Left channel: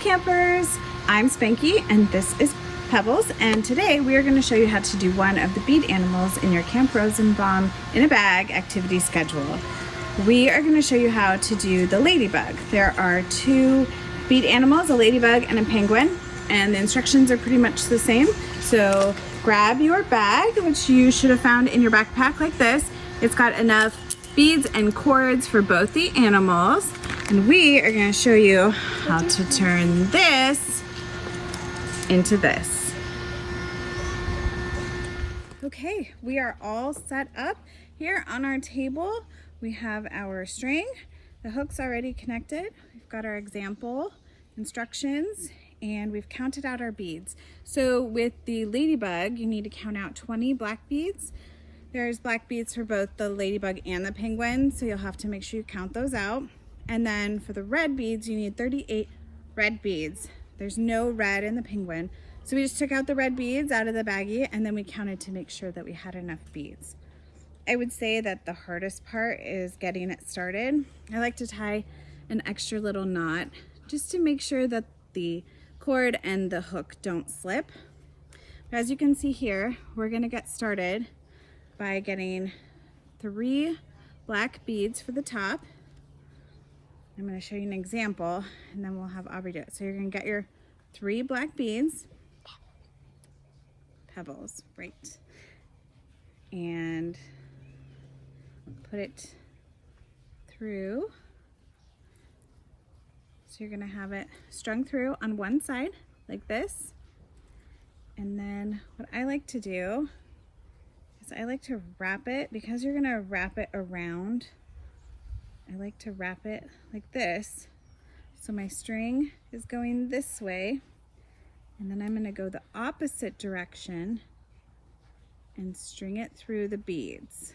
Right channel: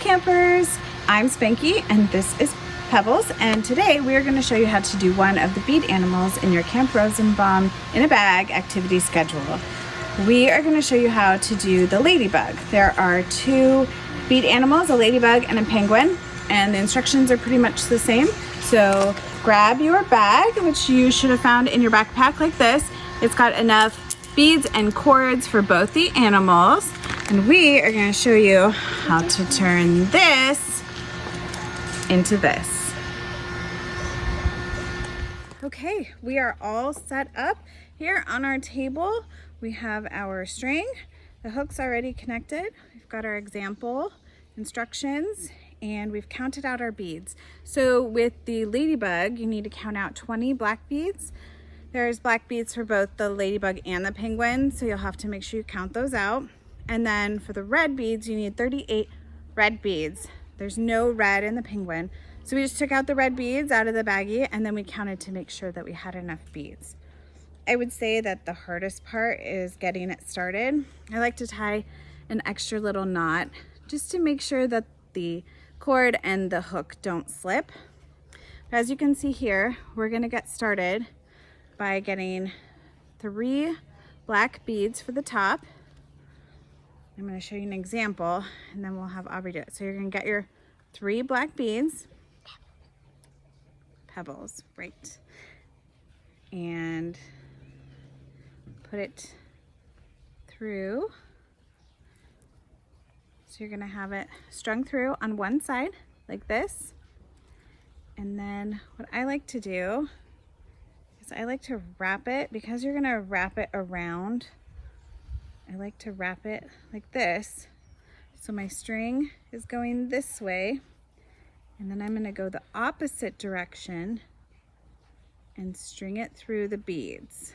campers, I'm Spanky and this is Pebbles, and today we are going to show you how to do one of the bead animals in your Camp Rosenbaum in a bag activity schedule. We are going to show you how to do the ladybug. There are two bead animals, a ladybug and a penguin, and the instructions are pretty much the same. So grab your bag, which you should have found in your backpack like this. It's got enough beads and cords for both the animals, and we are going to show you how to turn this into this. Okay, we are all set up here on our table. We have our string, the hook's already connected. We've got our example instructions, and we've counted out our beads. So with the ladybug, you need to count out 20 black beads. There's black beads for both the ladybug and the penguin, so you'll have to make sure you count those out. And then for the red beads, you need 38 red beads. There's no red in the penguin. So we just took out the red beads out of the baggie, and then we counted to make sure that we had enough beads. I would say that the hardest part is getting it started. I like to tie an extra little knot just to make sure that the cord and the hook don't slip. As you can see here, we're gonna get started by getting 3 black beads for the top. I'm going to show you an example, and then we'll have Aubrey do it. So you're going to get your 3 black beads, pebbles, right, and put it through. So you're going to have it strung through on one side like this. And then what I like to do is I like to wrap it, because you're going to wrap it around. I like to wrap it like this. So my string is going this way, and then I'm going to go the opposite direction and string it through the beads.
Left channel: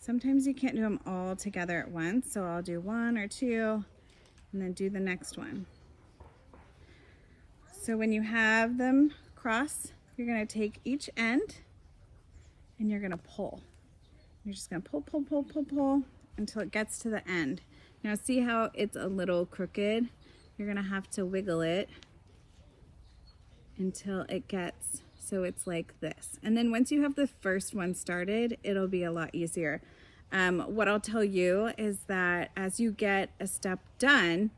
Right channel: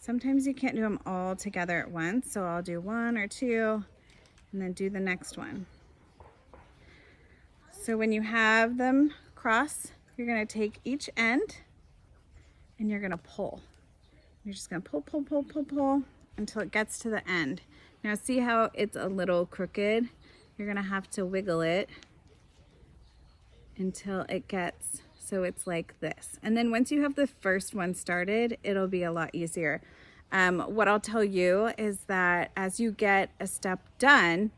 Sometimes you can't do them all together at once, so I'll do 1 or 2 and then do the next one. So when you have them cross, you're going to take each end and you're going to pull. You're just going to pull, pull, pull, pull, pull until it gets to the end. Now see how it's a little crooked? You're gonna have to wiggle it until it gets so it's like this. And then once you have the first one started, it'll be a lot easier. What I'll tell you is that as you get a step done,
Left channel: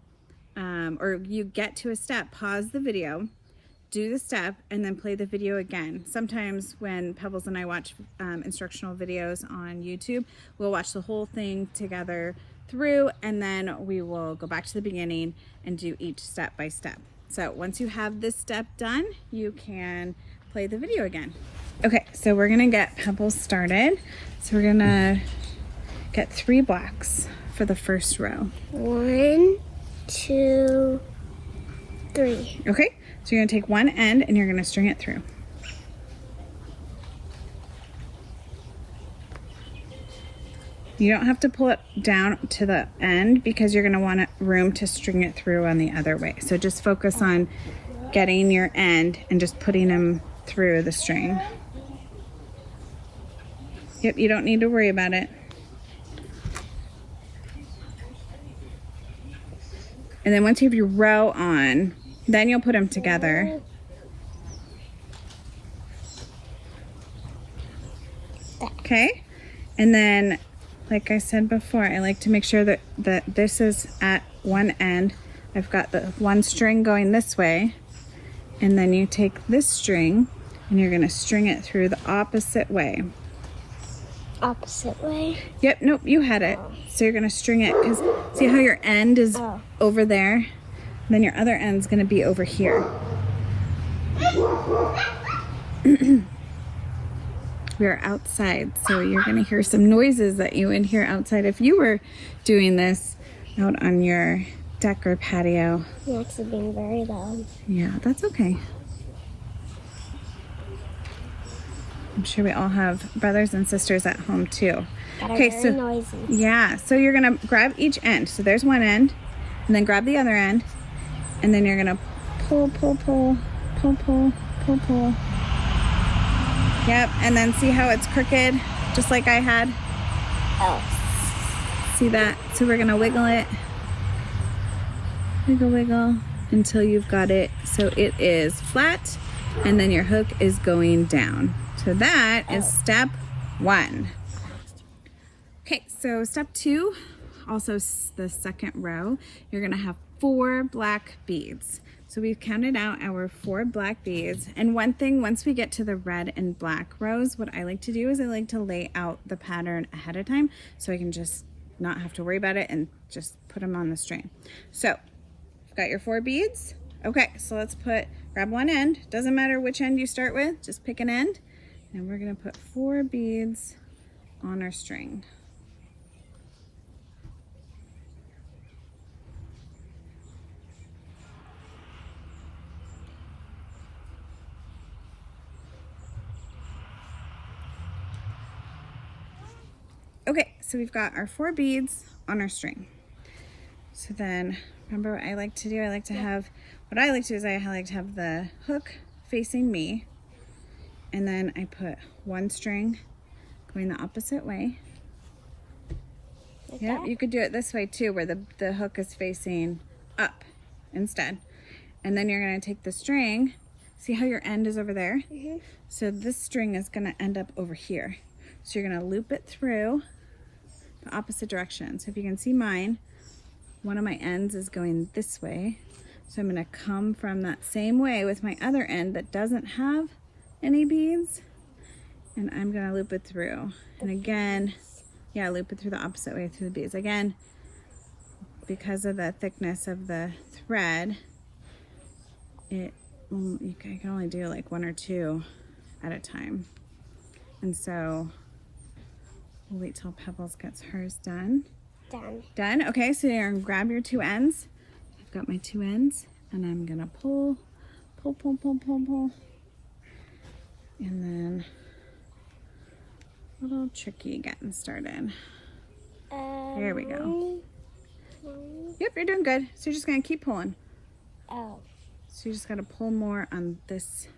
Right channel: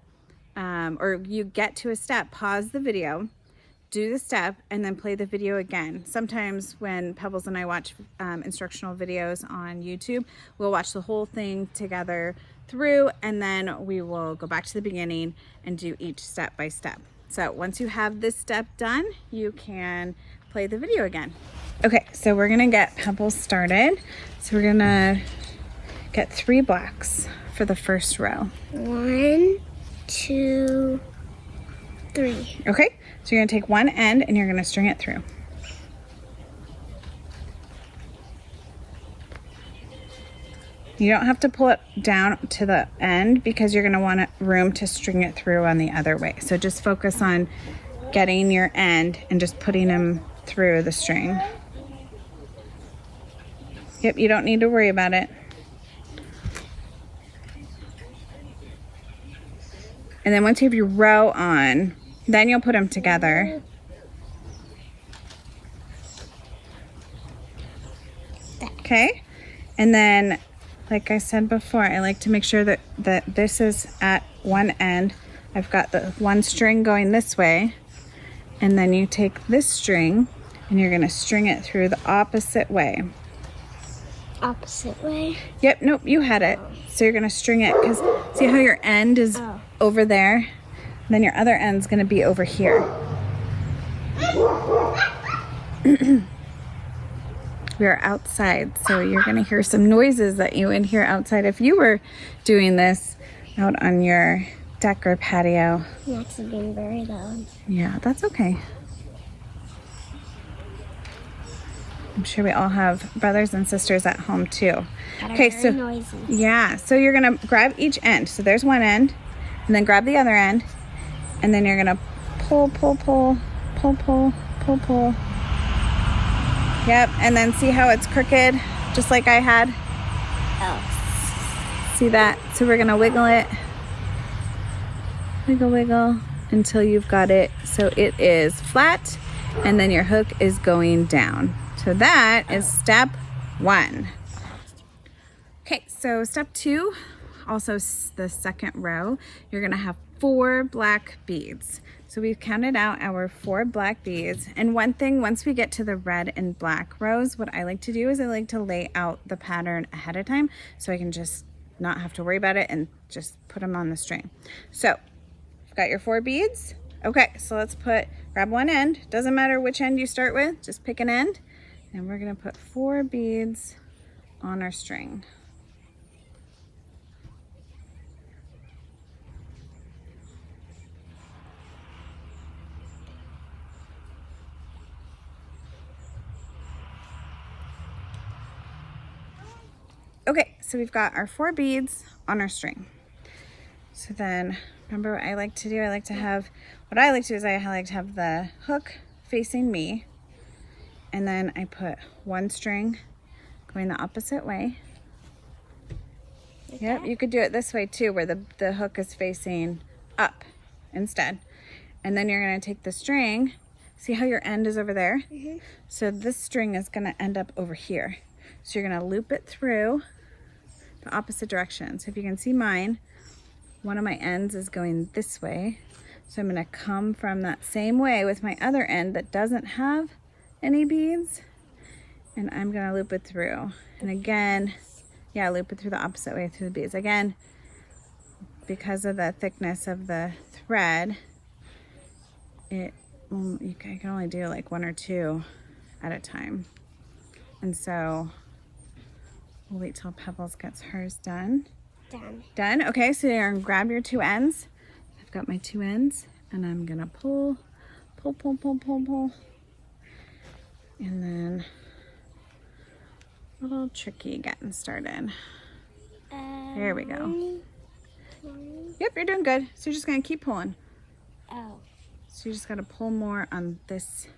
or you get to a step, pause the video, do the step, and then play the video again. Sometimes when Pebbles and I watch instructional videos on YouTube, we'll watch the whole thing together through, and then we will go back to the beginning and do each step by step. So once you have this step done, you can play the video again. Okay, so we're gonna get Pebbles started. So we're gonna get 3 blacks for the first row. 1, 2, 3. Okay. So you're going to take one end and you're going to string it through. You don't have to pull it down to the end because you're going to want room to string it through on the other way. So just focus on getting your end and just putting them through the string. Yep, you don't need to worry about it. And then once you have your row on, then you'll put them together. Okay, and then like I said before, I like to make sure that this is at one end. I've got the one string going this way, and then you take this string and you're going to string it through the opposite way. Opposite way? Yep, nope, you had it. So you're going to string it, because see how your end is over there? Then your other end's going to be over here. We're outside, so you're going to hear some noises that you would hear outside if you were doing this out on your deck or patio. It's actually being very loud. Yeah, that's okay. I'm sure we all have brothers and sisters at home too. Okay, so noisy. Yeah, so you're going to grab each end. So there's one end, and then grab the other end. And then you're gonna pull, pull, pull, pull, pull, pull, pull. Yep, and then see how it's crooked, just like I had? Oh. See that? So we're gonna wiggle it. wiggle, wiggle until you've got it so it is flat, and then your hook is going down. So that is step 1. Okay, so step 2, also the second row, you're gonna have 4 black beads. So we've counted out our 4 black beads. And one thing, once we get to the red and black rows, what I like to do is I like to lay out the pattern ahead of time so I can just not have to worry about it and just put them on the string. So, got your 4 beads? Okay, so let's grab one end. Doesn't matter which end you start with, just pick an end. And we're gonna put 4 beads on our string. Okay, so we've got our 4 beads on our string. So then, remember what I like to do? I like to have the hook facing me, and then I put one string going the opposite way. Like Yep, that? you could do it this way too, where the hook is facing up instead. And then you're gonna take the string, see how your end is over there? Mm-hmm. So this string is gonna end up over here. So you're gonna loop it through the opposite direction. So if you can see mine, one of my ends is going this way. So I'm gonna come from that same way with my other end that doesn't have any beads, and I'm gonna loop it through. And again, yeah, loop it through the opposite way through the beads. Again, because of the thickness of the thread, you can only do like 1 or 2 at a time. And so we'll wait till Pebbles gets hers done. Done? Okay, so you're gonna grab your 2 ends. I've got my 2 ends, and I'm gonna pull. And then a little tricky getting started. There we go. Yep, you're doing good. So you're just gonna keep pulling. Oh. So you just gotta pull more on this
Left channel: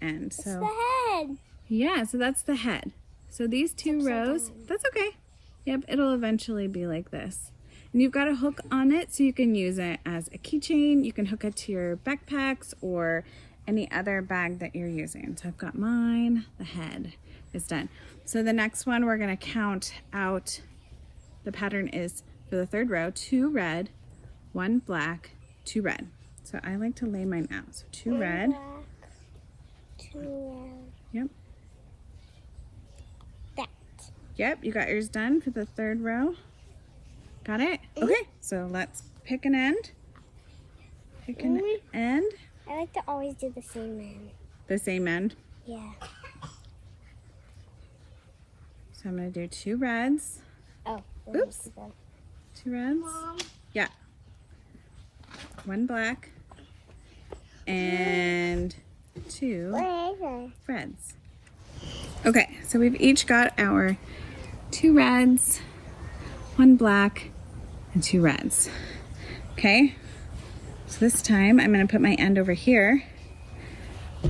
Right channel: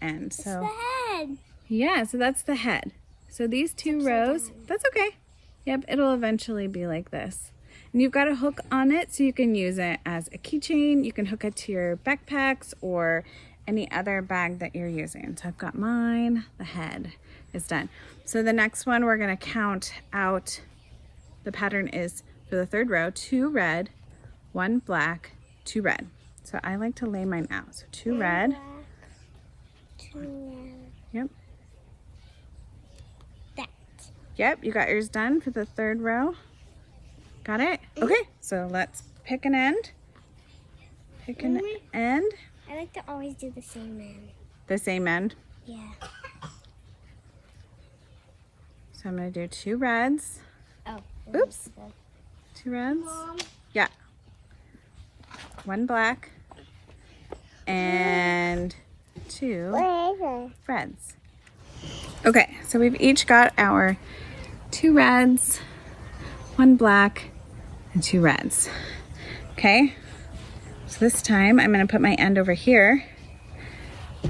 end. It's the head. Yeah, so that's the head. So these 2 rows, that's okay. Yep, it'll eventually be like this. And you've got a hook on it, so you can use it as a keychain. You can hook it to your backpacks or any other bag that you're using. So I've got mine, the head is done. So the next one, we're gonna count out, the pattern is for the 3rd row, 2 red, 1 black, 2 red. So I like to lay mine out. So 2 red. Black, 2 red. Yep. That. Yep, you got yours done for the 3rd row. Got it? Okay, so let's pick an end. Pick an end. I like to always do the same end. The same end. Yeah. So I'm gonna do 2 reds. Oh. Oops. 2 reds. Mom. Yeah. 1 black. And 2 reds. Okay, so we've each got our 2 reds, 1 black, and 2 reds. Okay, so this time I'm gonna put my end over here.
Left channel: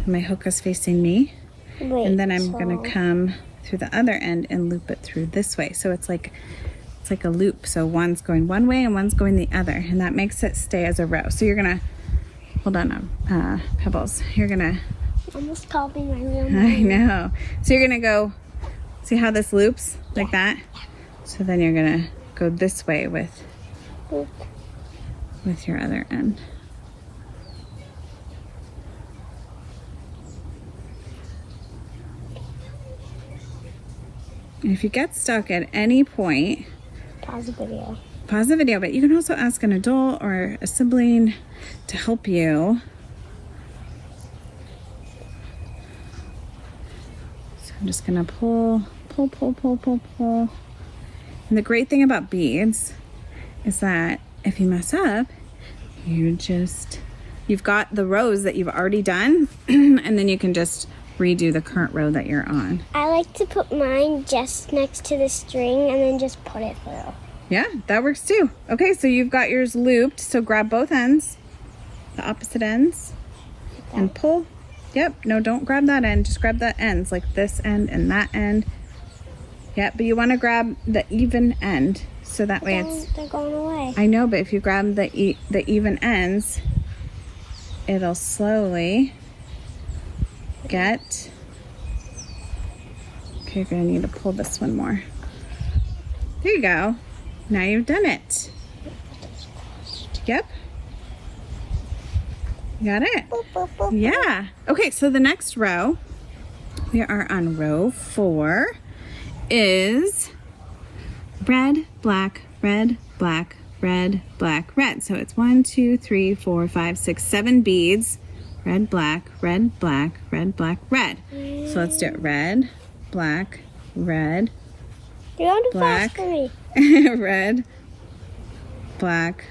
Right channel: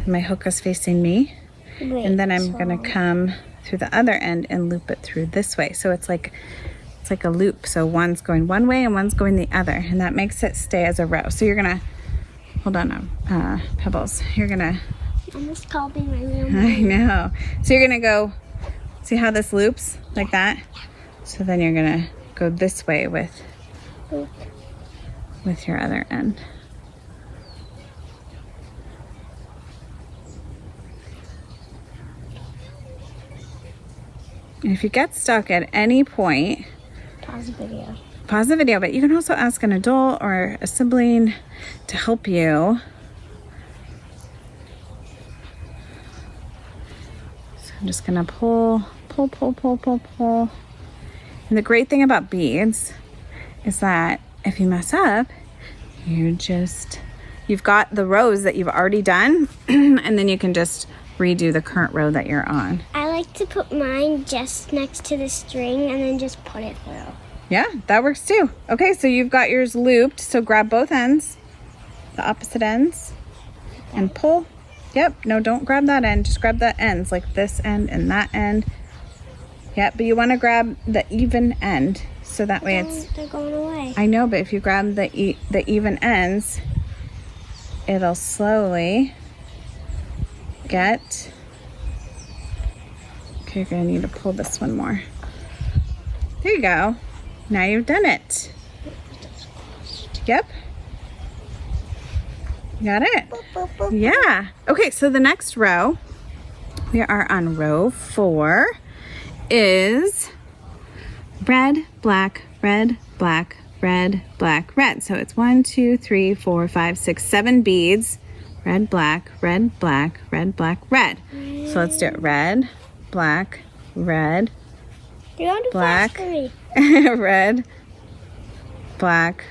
My hook is facing me. Wait, And then I'm gonna come through the other end and loop it through this way. So it's like a loop. So one's going one way and one's going the other, and that makes it stay as a row. So you're gonna, hold on, Pebbles. You're gonna, almost called me my real I name. know. So you're gonna go, see how this loops like that? So then you're gonna go this way with your other end. And if you get stuck at any point, Pause the video. pause the video, but you can also ask an adult or a sibling to help you. So I'm just gonna pull. And the great thing about beads is that if you mess up, you've got the rows that you've already done, and then you can just redo the current row that you're on. I like to put mine just next to the string and then just put it through. Yeah, that works too. Okay, so you've got yours looped, so grab both ends, the opposite ends, and pull. Yep, no, don't grab that end, just grab the ends, like this end and that end. Yeah, but you want to grab the even end so that way They're going away. I know, but if you grab the even ends, it'll slowly get. Okay, you're gonna need to pull this one more. There you go. Now you've done it. Yep. Got it? Boop, boop, boop, boop. Yeah. Okay, so the next row, we are on row 4, is red, black, red, black, red, black, red. So it's 1, 2, 3, 4, 5, 6, 7 beads. Red, black, red, black, red, black, red. So let's do it. Red, black, red, You're going too black, fast for me. red, black,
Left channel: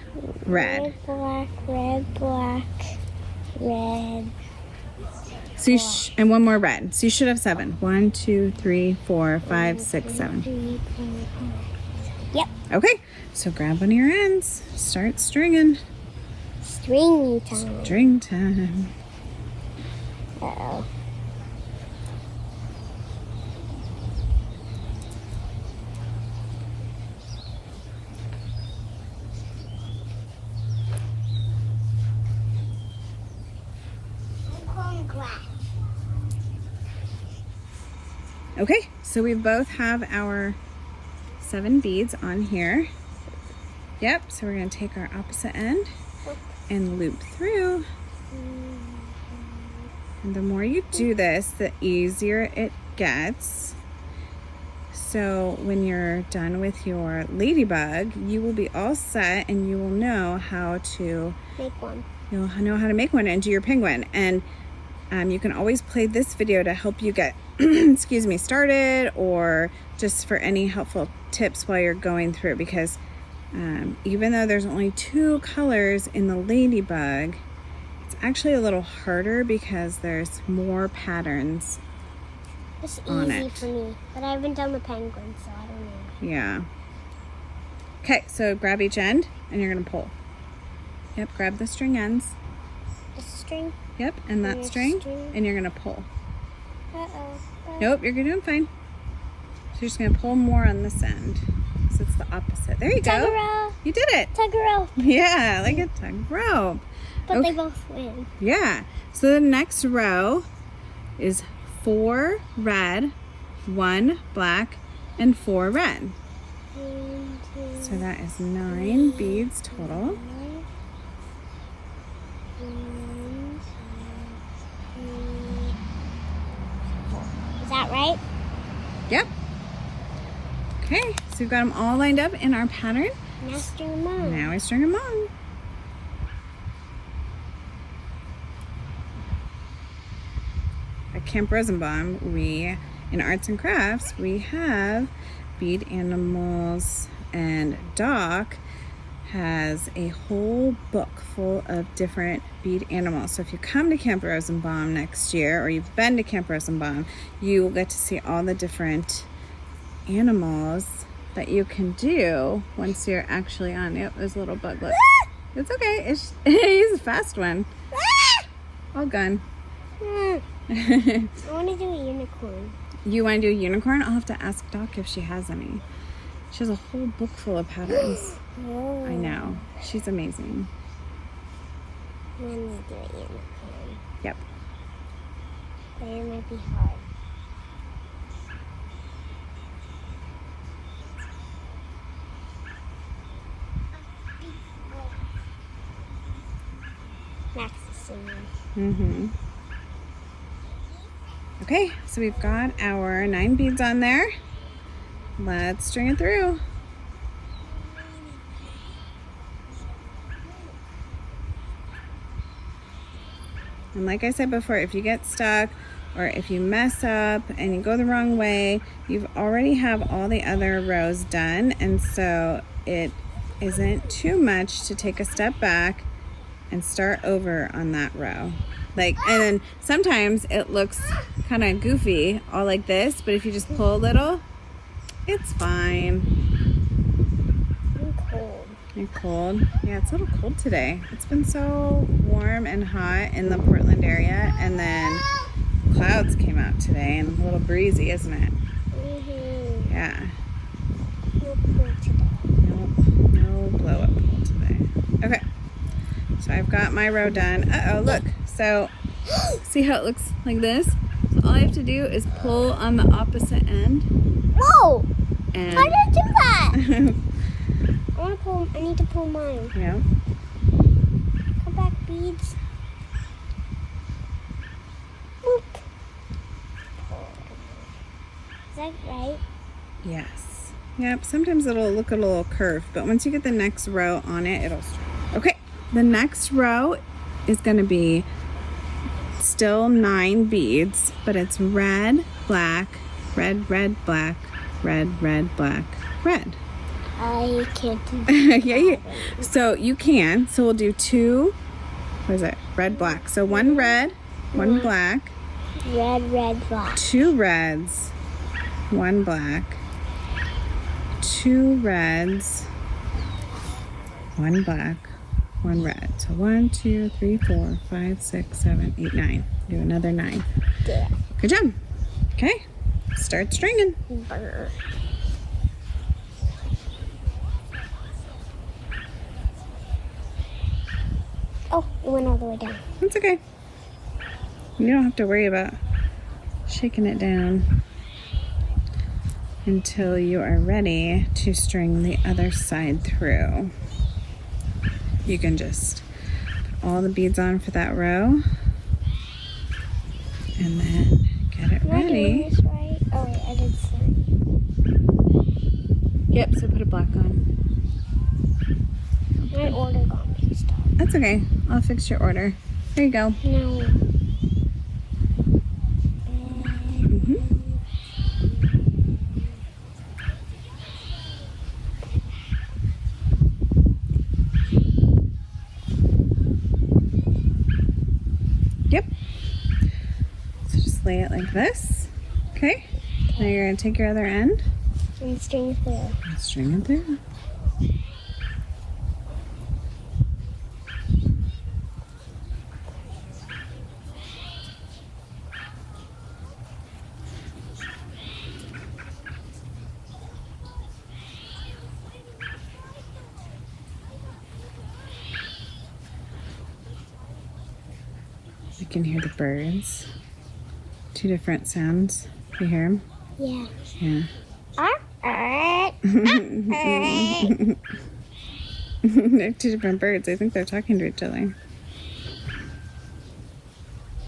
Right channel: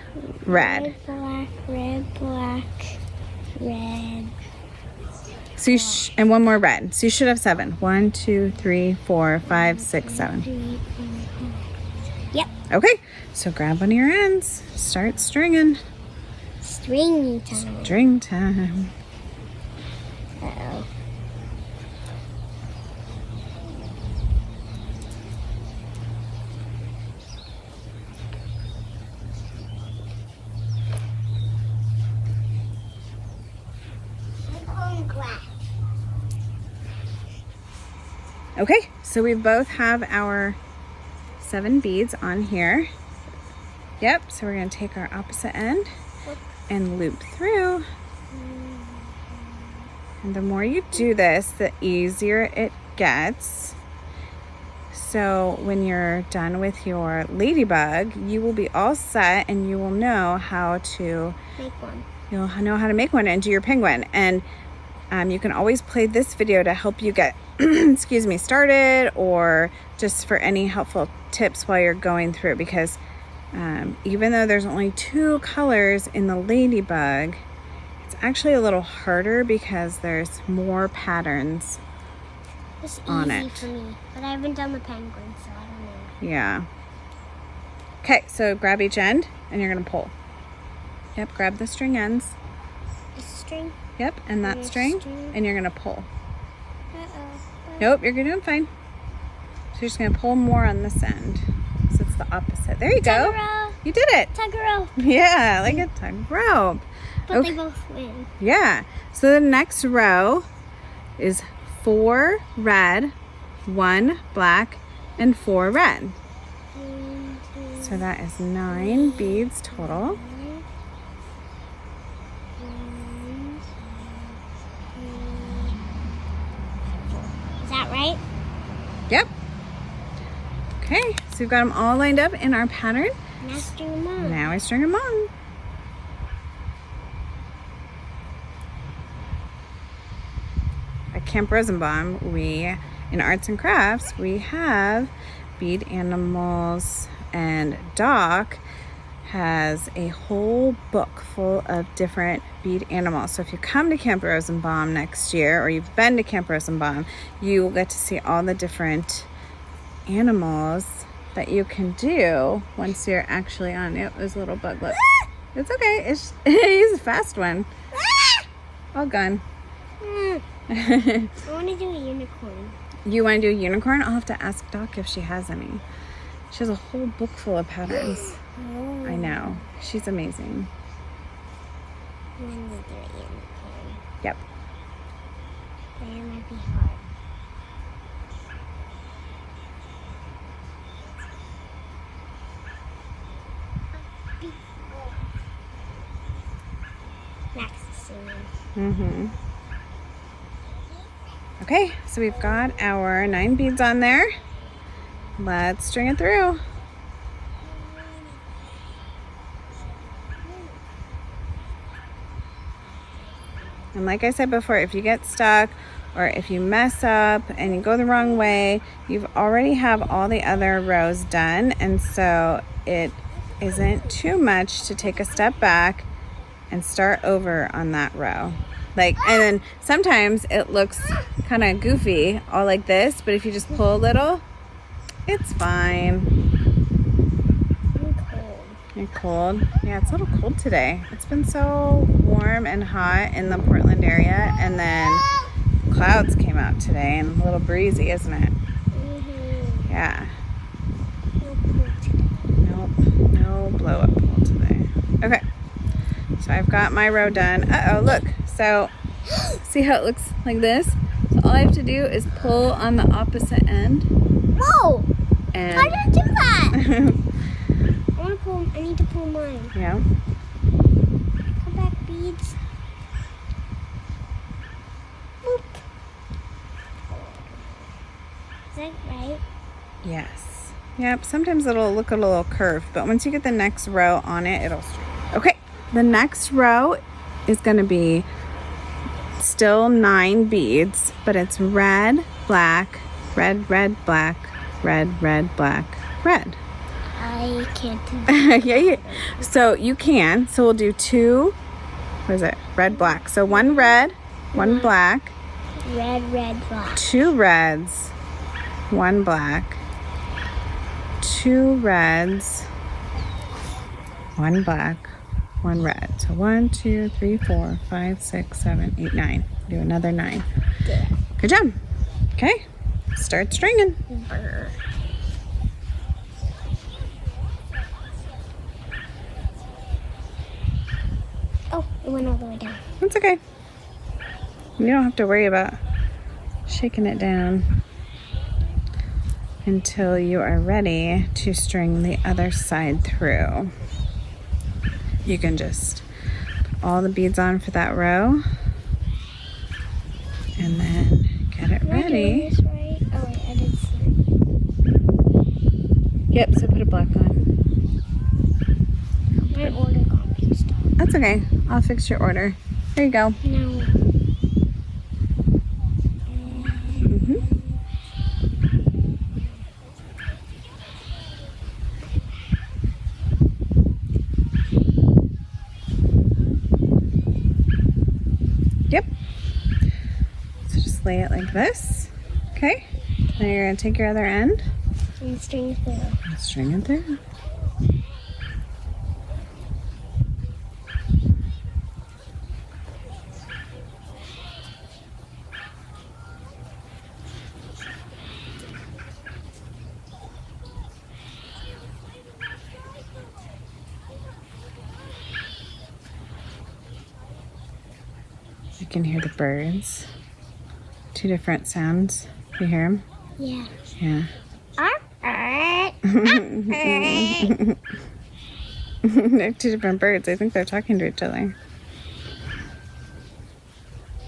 red. Red, black, red, black, red. So you and one more red. So you should have 7. 1, 2, 3, 4, 5, 6, 7. Yep. Okay, so grab one of your ends. Start stringing. String time. String time. Uh-oh. Okay, so we both have our 7 beads on here. Yep, so we're going to take our opposite end and loop through. And the more you do this, the easier it gets. So when you're done with your ladybug, you will be all set and you will know how to Make one. You'll know how to make one and do your penguin. And you can always play this video to help you get excuse me, started, or just for any helpful tips while you're going through, because even though there's only 2 colors in the ladybug, it's actually a little harder because there's more patterns It's on easy it. for me, but I haven't done the penguin, so I don't know. Yeah. Okay, so grab each end and you're gonna pull. Yep, grab the string ends. This string. Yep, and that This string, string. and you're gonna pull. Uh-oh. Nope, you're doing fine. So you're just gonna pull more on this end. So it's the opposite. There you Tug a go. rope. You did it. Tug a rope. Yeah, like a tug rope. But Okay. they both win. Yeah. So the next row is 4 red, 1 black, and 4 red. 1, 2, So that is 9 beads total. 1, 2, 3, 4. Is that right? Yep. Okay, so we've got them all lined up in our pattern. Now string them on. Now I string them on. At Camp Rosenbaum, in arts and crafts, we have Bead Animals, and Doc has a whole book full of different bead animals. So if you come to Camp Rosenbaum next year, or you've been to Camp Rosenbaum, you will get to see all the different animals that you can do once you're actually on it. There's a little bug. Look. It's okay. He's a fast one. All gone. I want to do a unicorn. You want to do a unicorn? I'll have to ask Doc if she has any. She has a whole book full of patterns. Oh. I know. She's amazing. I want to do a unicorn. Yep. But it might be hard. Max is singing. Mm-hmm. Okay, so we've got our 9 beads on there. Let's string it through. And like I said before, if you get stuck or if you mess up and you go the wrong way, you've already have all the other rows done, and so it isn't too much to take a step back and start over on that row. And then sometimes it looks kind of goofy, all like this, but if you just pull a little, it's fine. I'm cold. You're cold? Yeah, it's a little cold today. It's been so warm and hot in the Portland area, and then clouds came out today and a little breezy, isn't it? Mm-hmm. Yeah. No pool today. Nope. No blow up pool today. Okay. So I've got my row done. Uh-oh, look. So see how it looks like this? So all I have to do is pull on the opposite end. Whoa! And How did I do that? I need to pull mine. Yeah. Come back, beads. Boop. Is that right? Yes. Yep. Sometimes it'll look a little curved, but once you get the next row on it, it'll. Okay. The next row is going to be still 9 beads, but it's red, black, red, red, black, red, red, black, red. I can't do that. Yeah. So you can. So we'll do 2. What is it? Red, black. So 1 red, 1 black. Red, red, black. 2 reds, 1 black. 2 reds, 1 black, 1 red. So 1, 2, 3, 4, 5, 6, 7, 8, 9. Do another 9. Yeah. Good job. Okay. Start stringing. Brr. Oh, it went all the way down. That's okay. You don't have to worry about shaking it down until you are ready to string the other side through. You can just put all the beads on for that row and then get it Am I doing ready. this right? Oh wait, I did 3. Yep, so put a black on. My order got mixed up. That's okay. I'll fix your order. There you go. No. Mhm. Yep. So just lay it like this. Okay. Now you're going to take your other end And string through. and string it through. You can hear the birds. 2 different sounds. You hear them? Yeah. Yeah. They're 2 different birds. I think they're talking to each other.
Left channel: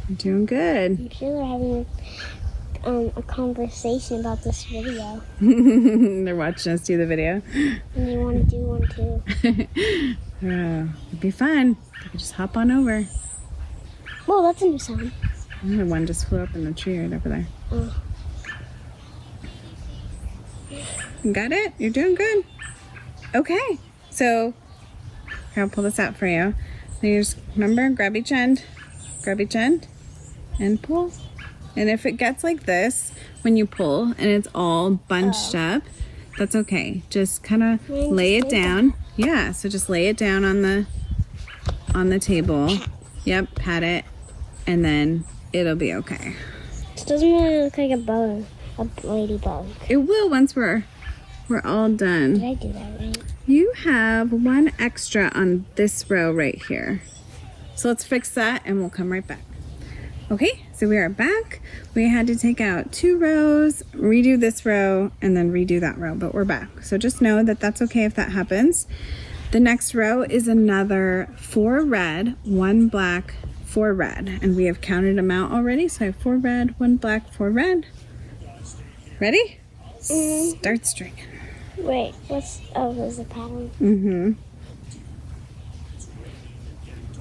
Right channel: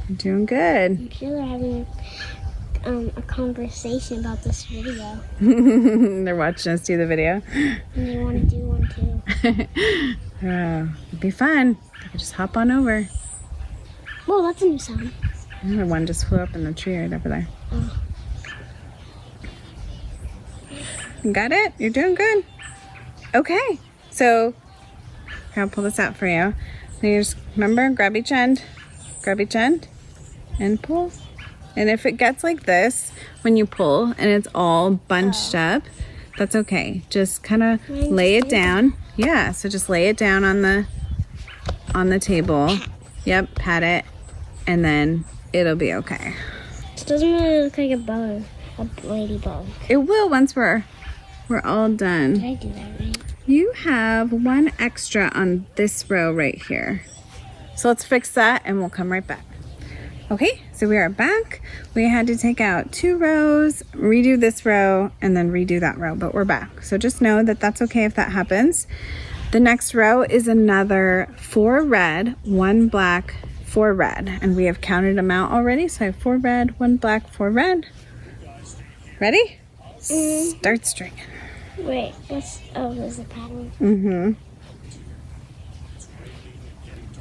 You're doing good. I'm sure they're having a conversation about this video. They're watching us do the video. And they want to do one too. Oh, it'd be fun. You could just hop on over. Whoa, that's a new sound. The one just flew up in the tree right over there. Oh. You got it? You're doing good. Okay. So, I'll pull this out for you. Now you just remember, grab each end, and pull. And if it gets like this when you pull and it's all bunched up, that's okay. Just kind of lay it down. Yeah, so just lay it down on the table. Yep, pat it, and then it'll be okay. It doesn't really look like a ladybug. It will once we're all done. Did I do that right? You have 1 extra on this row right here. So let's fix that and we'll come right back. Okay, so we are back. We had to take out 2 rows, redo this row, and then redo that row, but we're back. So just know that that's okay if that happens. The next row is another 4 red, 1 black, 4 red. And we have counted them out already. So I have 4 red, 1 black, 4 red. Ready? Start stringing. Wait, there's a pattern.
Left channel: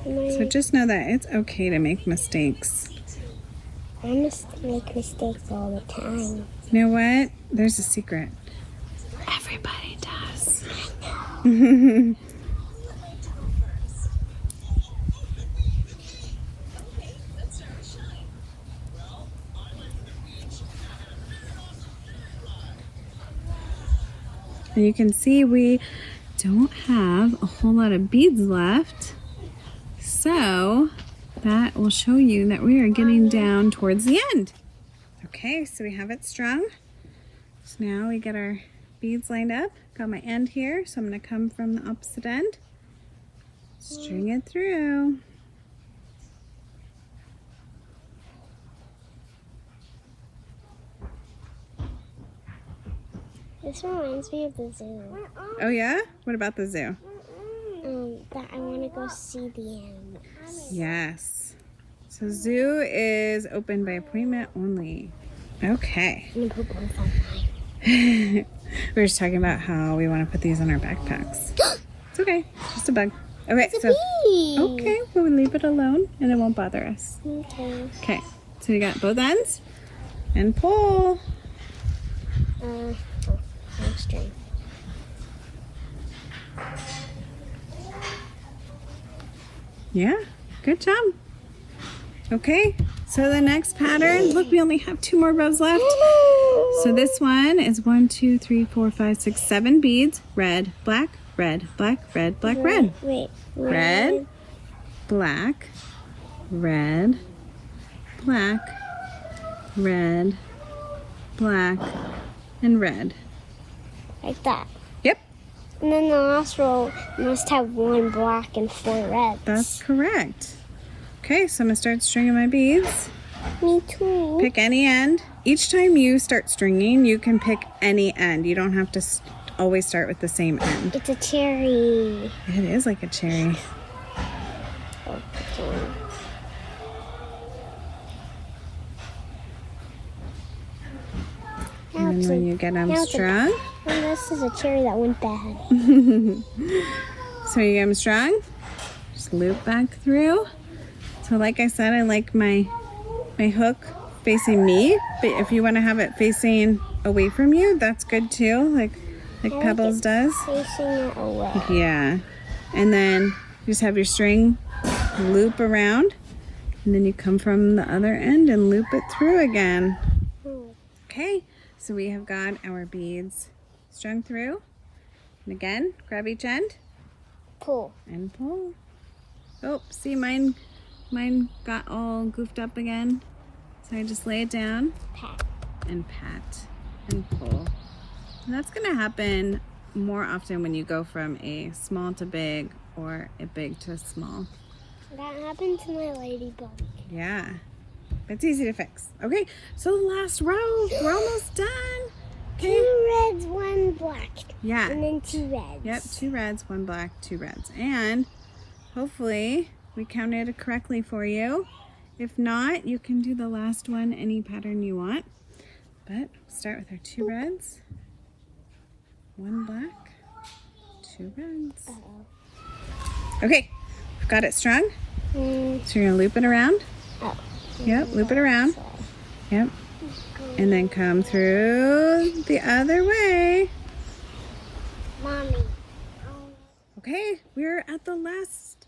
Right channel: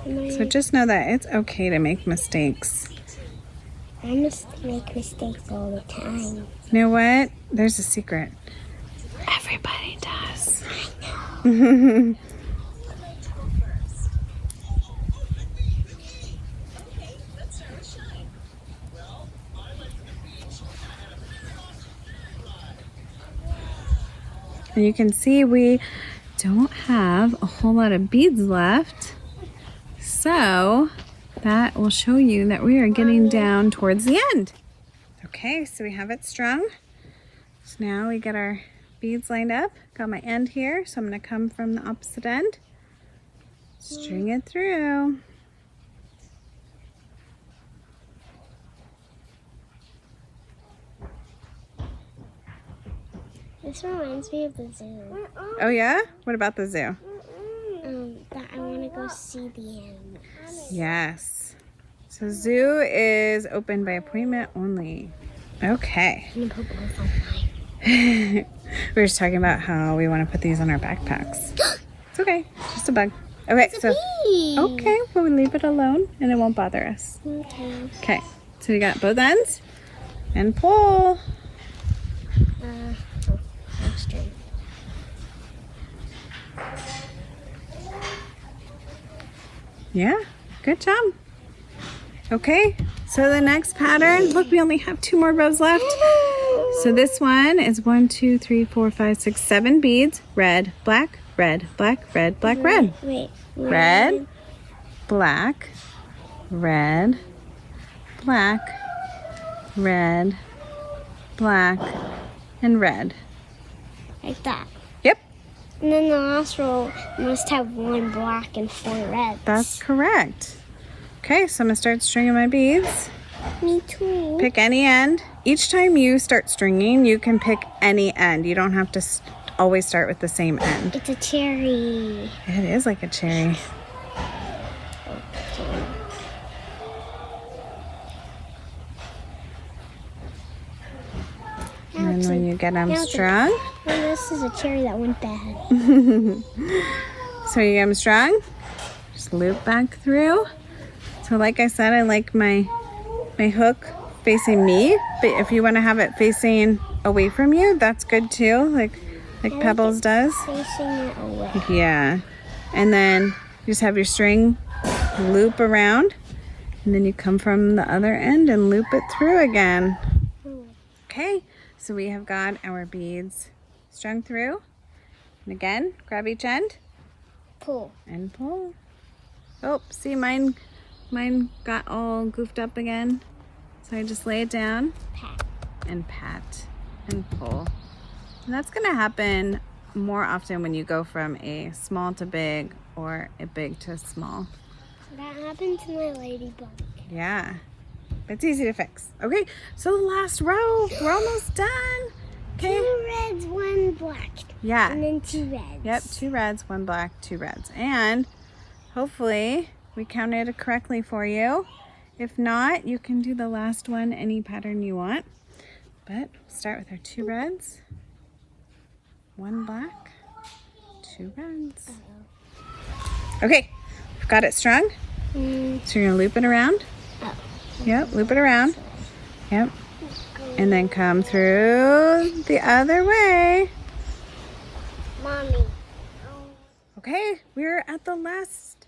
So just know that it's okay to make mistakes. I must make mistakes all the time. You know what? There's a secret. Everybody does. I know. And you can see we don't have a whole lot of beads left. So that will show you that we are getting down towards the end. Okay, so we have it strung. So now we get our beads lined up. Got my end here, so I'm going to come from the opposite end. String it through. This reminds me of the zoo. Oh yeah? What about the zoo? That I want to go see the animals. Yes. So zoo is open by appointment only. Okay. I'm going to put both on mine. We were just talking about how we want to put these on our backpacks. It's okay. It's just a bug. Okay, It's a bee. okay, we'll leave it alone and it won't bother us. Okay. Okay, so we got both ends and pull. String. Yeah, good job. Okay, so the next pattern, look, we only have 2 more rows left. So this one is 1, 2, 3, 4, 5, 6, 7 beads. Red, black, red, black, red, black, red. Wait. Red, black, red, black, red, black, and red. Like that. Yep, And then the last row must have 1 black and 4 reds. that's correct. Okay, so I'm gonna start stringing my beads. Me too. Pick any end. Each time you start stringing, you can pick any end. You don't have to always start with the same end. It's a cherry. It is like a cherry. Oh, sorry. And then when you get them strung, And this is a cherry that went bad. so when you get them strung, just loop back through. So like I said, I like my hook facing me, but if you want to have it facing away from you, that's good too, like Pebbles does. Facing it away. Yeah. And then you just have your string loop around, and then you come from the other end and loop it through again. Okay, so we have got our beads strung through. And again, grab each end Pull. and pull. Oh, see, mine got all goofed up again. So I just lay it down Pat. and pat and pull. And that's gonna happen more often when you go from a small to big or a big to small. That happened to my ladybug. Yeah, it's easy to fix. Okay, so the last row, we're almost done. Okay. 2 reds, 1 black. Yeah. And then 2 reds. Yep, 2 reds, 1 black, 2 reds. And hopefully we counted it correctly for you. If not, you can do the last one any pattern you want. But start with our 2 reds, 1 black, 2 reds. Okay, got it strung. So you're gonna loop it around. Oh. Yep, loop it around. Yep. And then come through the other way. Mommy. Okay, we're at the last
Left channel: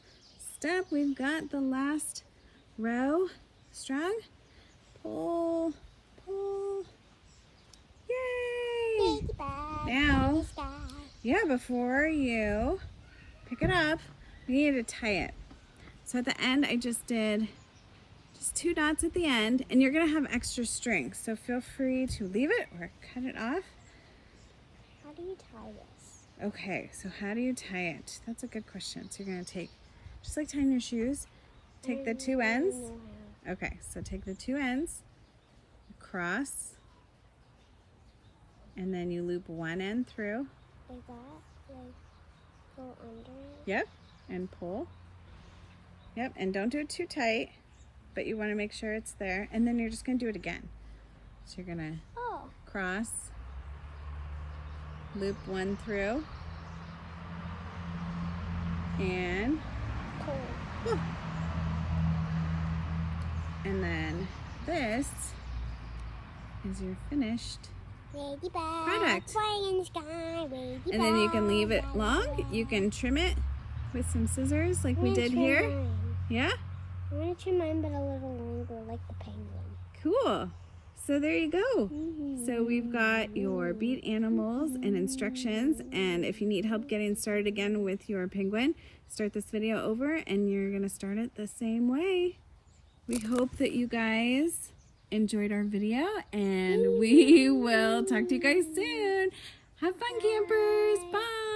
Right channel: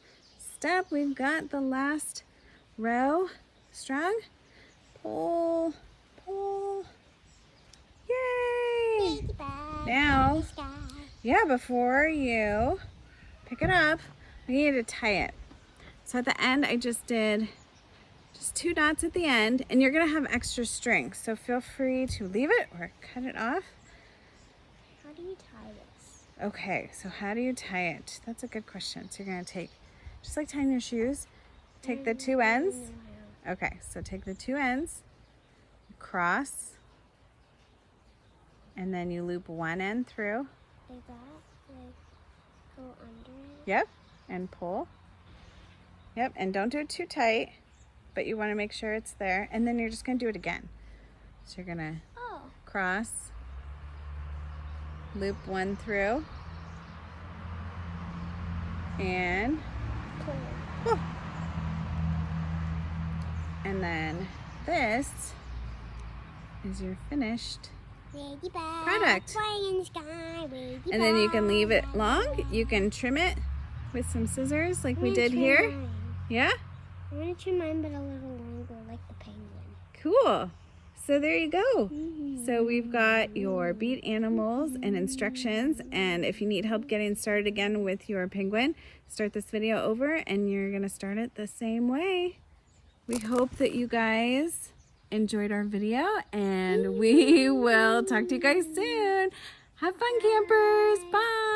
step. We've got the last row strung. Pull, pull. Yay! Ladybug. Now, Sky. yeah, before you pick it up, you need to tie it. So at the end, I just did just 2 dots at the end, and you're gonna have extra string. So feel free to leave it or cut it off. How do you tie this? Okay, so how do you tie it? That's a good question. So you're gonna take, just like tying your shoes, take the 2 ends. Okay, so take the 2 ends, cross, and then you loop 1 end through. Like that? Like, go under it? Yep, and pull. Yep, and don't do it too tight, but you want to make sure it's there. And then you're just going to do it again. So you're going to cross, loop 1 through, and pull. And then this is your finished Ladybug. product. Flying in the sky. Ladybug. And then you can leave it long. You can trim it with some scissors like we did here. Mine. Yeah? I want to trim mine, but a little longer, like the penguin. Cool. So there you go. So we've got your bead animals and instructions. And if you need help getting started again with your penguin, start this video over and you're going to start it the same way. We hope that you guys enjoyed our video, and we will talk to you guys soon. Have fun, campers. Bye.